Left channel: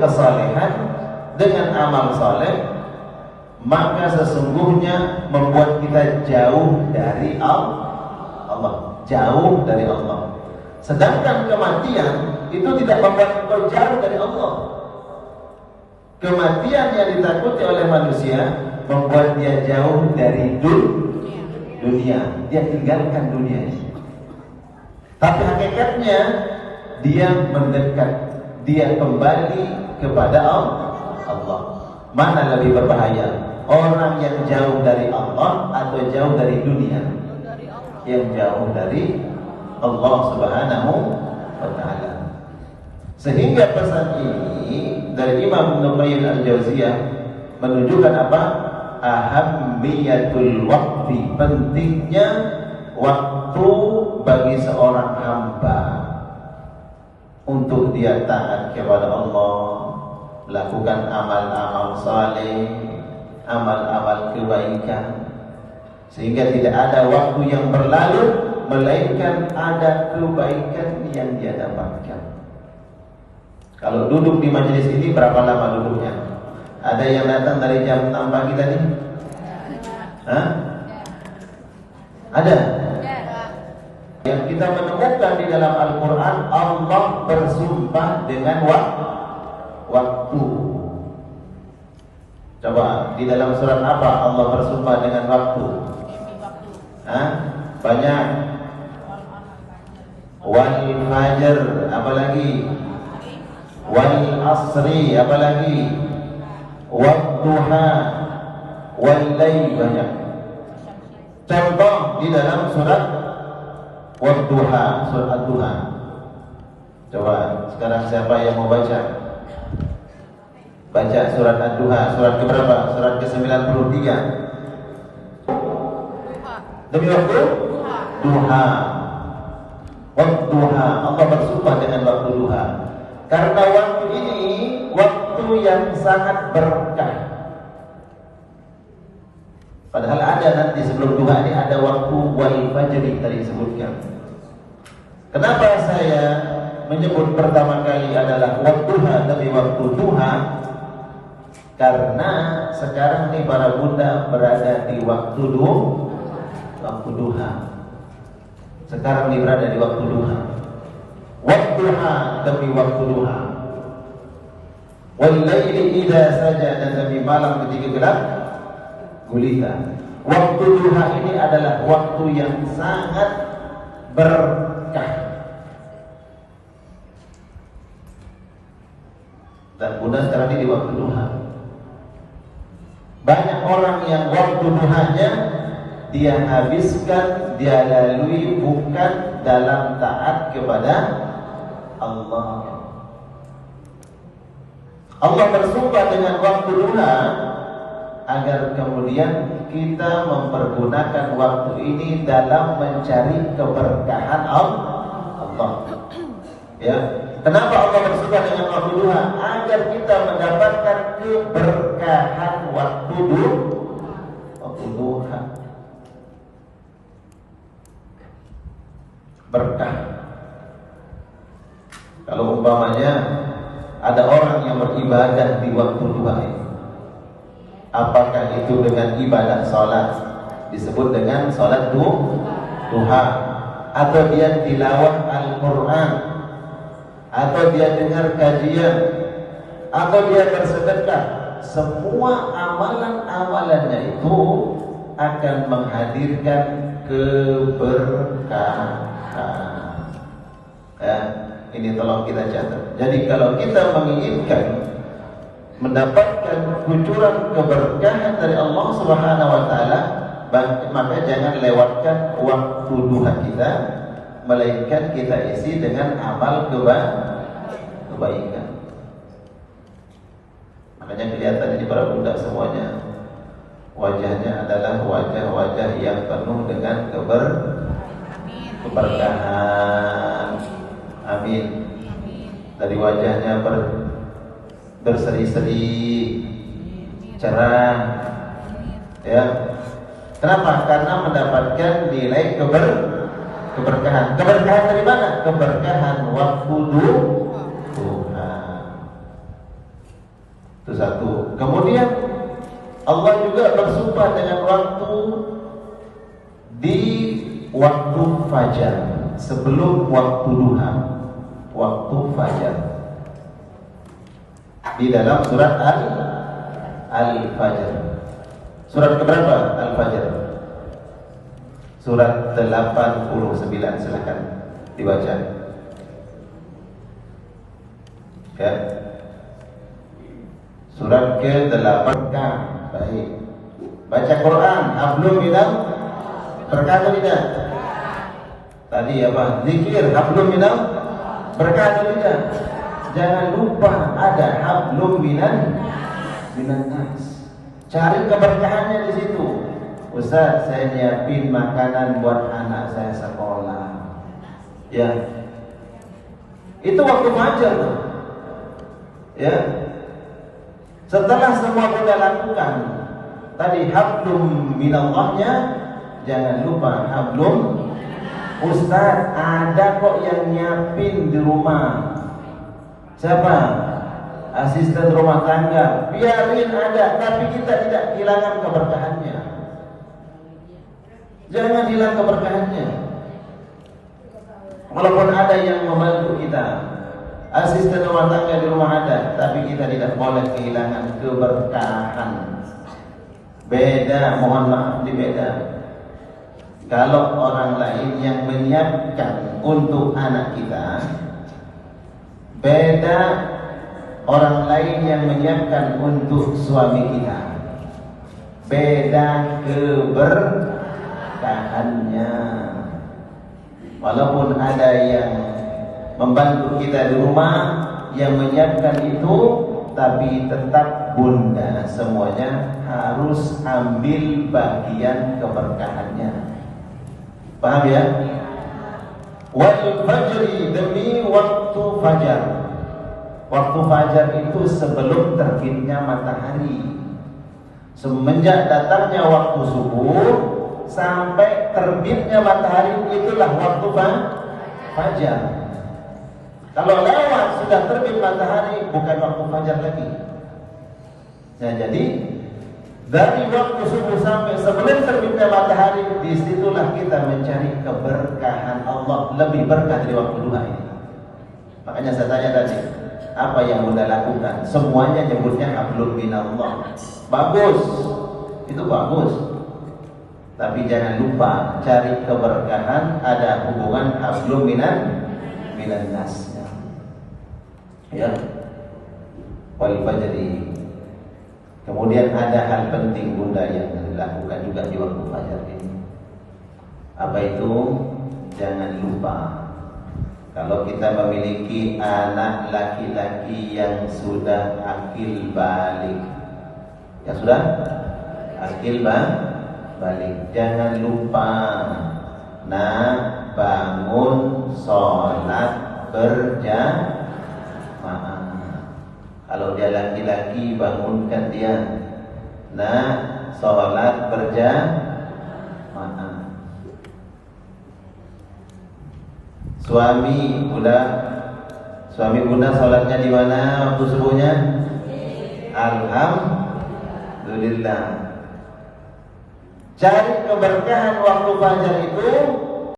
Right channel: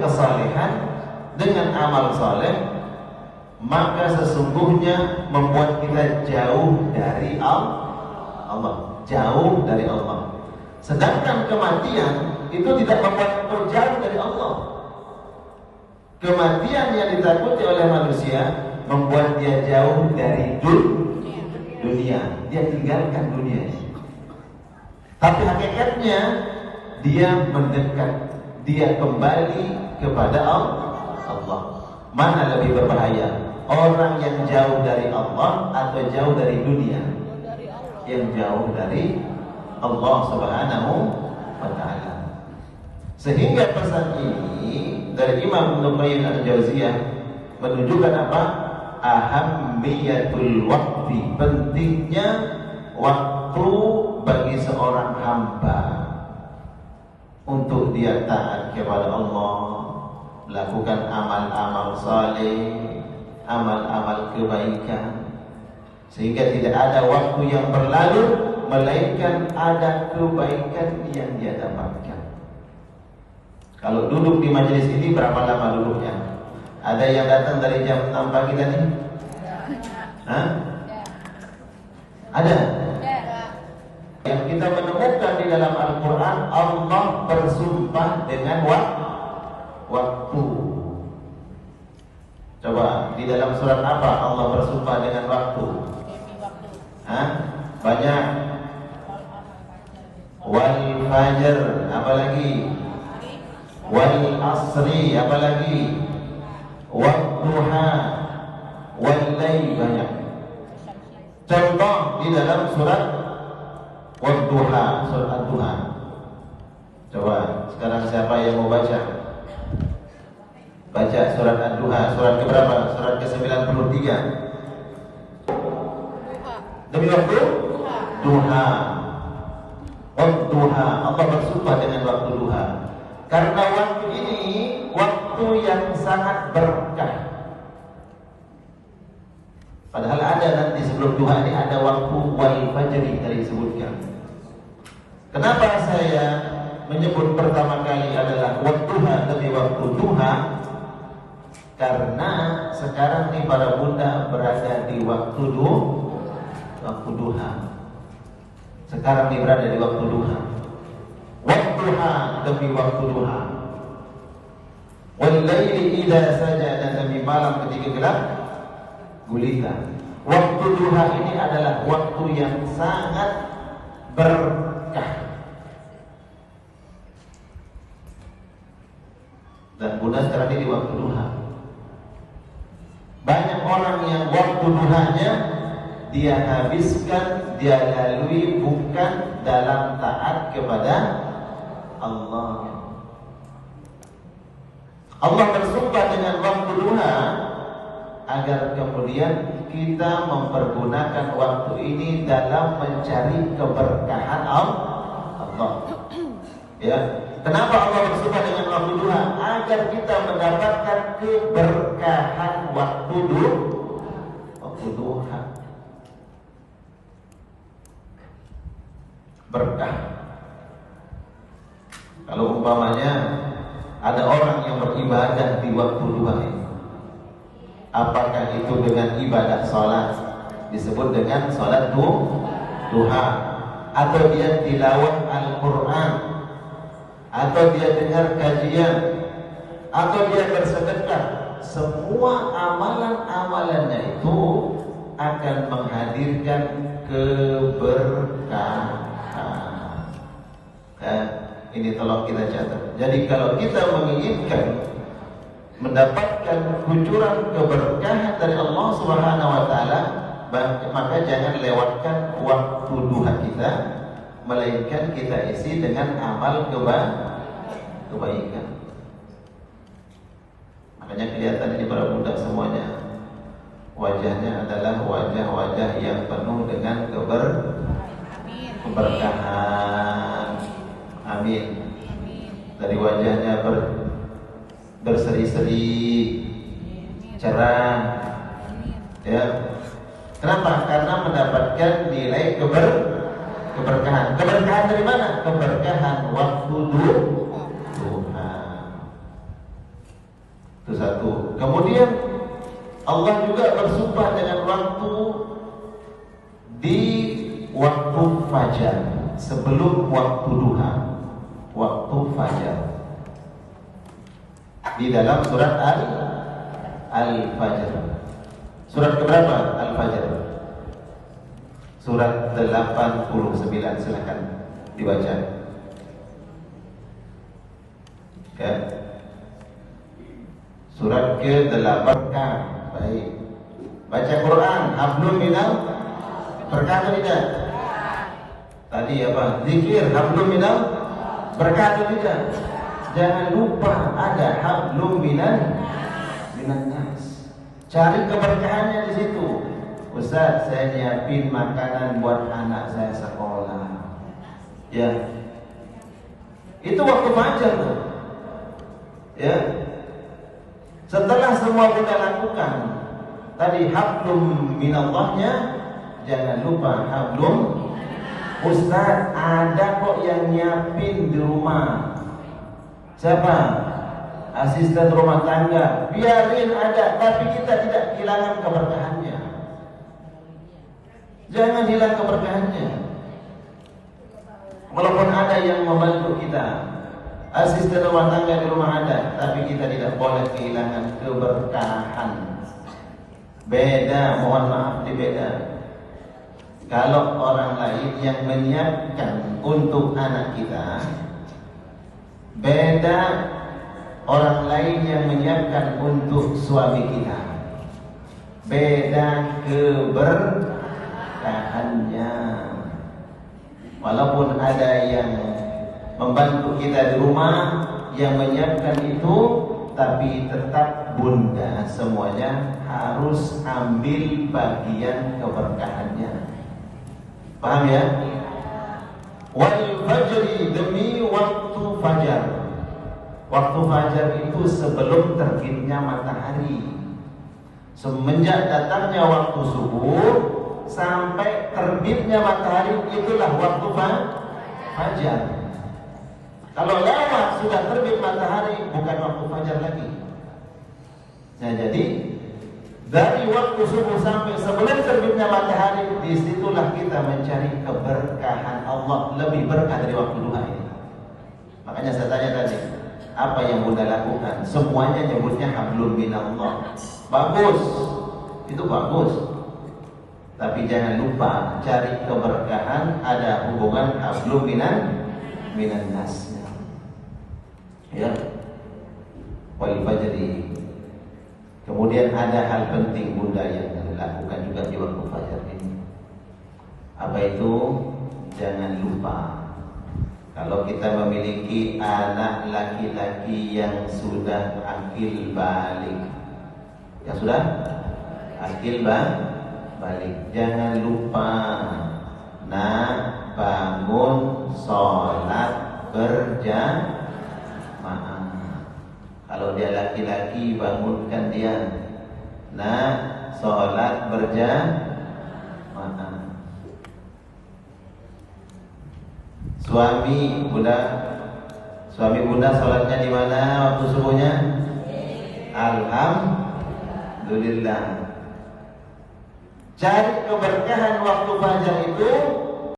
kesalehan dengan amal soleh, maka sesungguhnya membuat kita jauh dari Allah, jauh dari Allah. Sedangkan kematian itu tidak membuat kita jauh dari Allah. Kematian yang ditakuti oleh manusia membuat dia jauh dari dunia. Dia tinggalkan dunia ini. Tapi hakikatnya dia mendekat, dia kembali kepada Allah. Mana lebih berbahaya? Orang yang jauh dari Allah atau jauh dari dunia? Yang jauh dari Allah Subhanahu wa ta'ala. Sehingga pesan ini dari Imam Ibnu Qayyim al-Jauziyah menunjukkan apa? Ahammiyatul waqti, pentingnya waktu bagi seorang hamba untuk dia taat kepada Allah, melakukan amal-amal saleh, amal-amal kebaikan, sehingga tidak ada waktu yang berlalu melainkan ada kebaikan yang dia dapatkan. Kalau duduk di majelis ini berapa lama duduknya? Ada yang datang dari jam 6 pagi tadi? Hah? Ada? Yang kita menemukan di dalam Al-Quran, Allah bersumpah dengan waktu. Coba, di dalam surat apa Allah bersumpah dengan waktu? Hah? Banyak. Wal fajr, apa lagi? Wal asri, apa lagi? Wad duha, wal layl, banyak. Contoh di dalam surat Wad duha, surat Ad-Duha. Coba sekarang siapa yang mau baca? Baca surat Ad-Duha, surat keberapa? Surat ke-93. Demi waktu duha. Waktu duha, Allah bersumpah dengan waktu duha. Karena waktu ini waktu yang sangat berkah. Padahal ada nanti sebelum duha ini ada waktu wal fajri tadi disebutkan. Kenapa saya menyebut pertama kali adalah waktu duha demi waktu duha? Karena sekarang nih para bunda berada di waktu duha. Sekarang nih berada di waktu duha. Waktu duha demi waktu duha. Wal laili idza sajada demi malam ketika gelap gulita. Waktu duha ini adalah waktu yang sangat berkah. Dan bunda sekarang ini di waktu duha. Banyak orang yang waktu duhanya dia habiskan, dia lalui bukan dalam taat kepada Allah. Allah bersumpah dengan waktu duha agar kemudian kita mempergunakan waktu ini dalam mencari keberkahan Allah. Ya, kenapa Allah bersumpah dengan waktu duha? Agar kita mendapatkan keberkahan waktu duha. Berkah. Kalau umpamanya ada orang yang beribadah di waktu duha ini, apakah itu dengan ibadah salat, disebut dengan salat duha, atau dia tilawah Al-Quran, atau dia dengar kajian, atau dia bersedekah, semua amalan-amalannya itu akan menghadirkan keberkahan. Ya, ini tolong kita catat. Jadi kalau kita menginginkan mendapatkan kucuran keberkahan dari Allah Subhanahu wa taala, maka jangan lewatkan waktu duha kita, melainkan kita isi dengan amal kebaikan. Makanya kelihatan di para budak semuanya wajahnya adalah wajah-wajah yang penuh dengan keberkahan. Amin. Dari wajahnya berseri-seri, cerah. Ya. Kenapa? Karena mendapatkan nilai keberkahan. Keberkahan dari mana? Keberkahan waktu duha. Itu satu. Kemudian Allah juga bersumpah dengan waktu di waktu fajar, sebelum waktu duha, waktu fajar. Di dalam surat Al-Fajr. Surat keberapa? Al-Fajr. Surat 89, silakan dibaca. Ya. Surat ke-8. Baik. Baca Quran, hablum minal berkah atau tidak? Tadi apa? Zikir, hablum minal berkah atau tidak? Jangan lupa ada hablum minan nas. Cari keberkahannya di situ. Ustaz, saya nyiapin makanan buat anak saya sekolah. Ya. Itu waktu fajar tuh. Ya. Setelah semua kita lakukan, tadi hablum minallahnya, jangan lupa hablum. Ustaz, ada kok yang nyiapin di rumah. Siapa? Asisten rumah tangga. Biarin ada, tapi kita tidak kehilangan keberkahannya. Jangan hilang keberkahannya. Walaupun ada yang membantu kita, asisten rumah tangga di rumah ada, tapi kita tidak boleh kehilangan keberkahan. Beda, mohon maaf, beda. Kalau orang lain yang menyiapkan untuk anak kita, beda orang lain yang menyiapkan untuk suami kita. Beda keberkahannya. Walaupun ada yang membantu kita di rumah, yang menyiapkan itu, tapi tetap bunda semuanya harus ambil bagian keberkahannya. Paham ya? Wal fajri, demi waktu fajar. Waktu fajar itu sebelum terbitnya matahari. Semenjak datangnya waktu subuh sampai terbitnya matahari, itulah waktu fajar. Kalau lewat sudah terbit matahari, bukan waktu fajar lagi. Nah, jadi dari waktu subuh sampai sebelum terbitnya matahari, disitulah kita mencari keberkahan Allah, lebih berkah dari waktu duha ini. Makanya saya tanya tadi, apa yang Bunda lakukan? Semuanya nyebutnya hablum minallah. Bagus, itu bagus. Tapi jangan lupa cari keberkahan, ada hubungan hablum minan nas. Ya, wal fajri. Kemudian ada hal penting Bunda yang dilakukan juga di waktu fajar ini. Apa itu? Jangan lupa, kalau kita memiliki anak laki-laki yang sudah akil balik, yang sudah akil balik, jangan lupa nak bangun sholat berjamaah. Kalau dia laki-laki, bangunkan dia, nak sholat berjamaah. Suami Bunda sholatnya di mana waktu subuhnya? Alhamdulillah. Cari keberkahan waktu fajar itu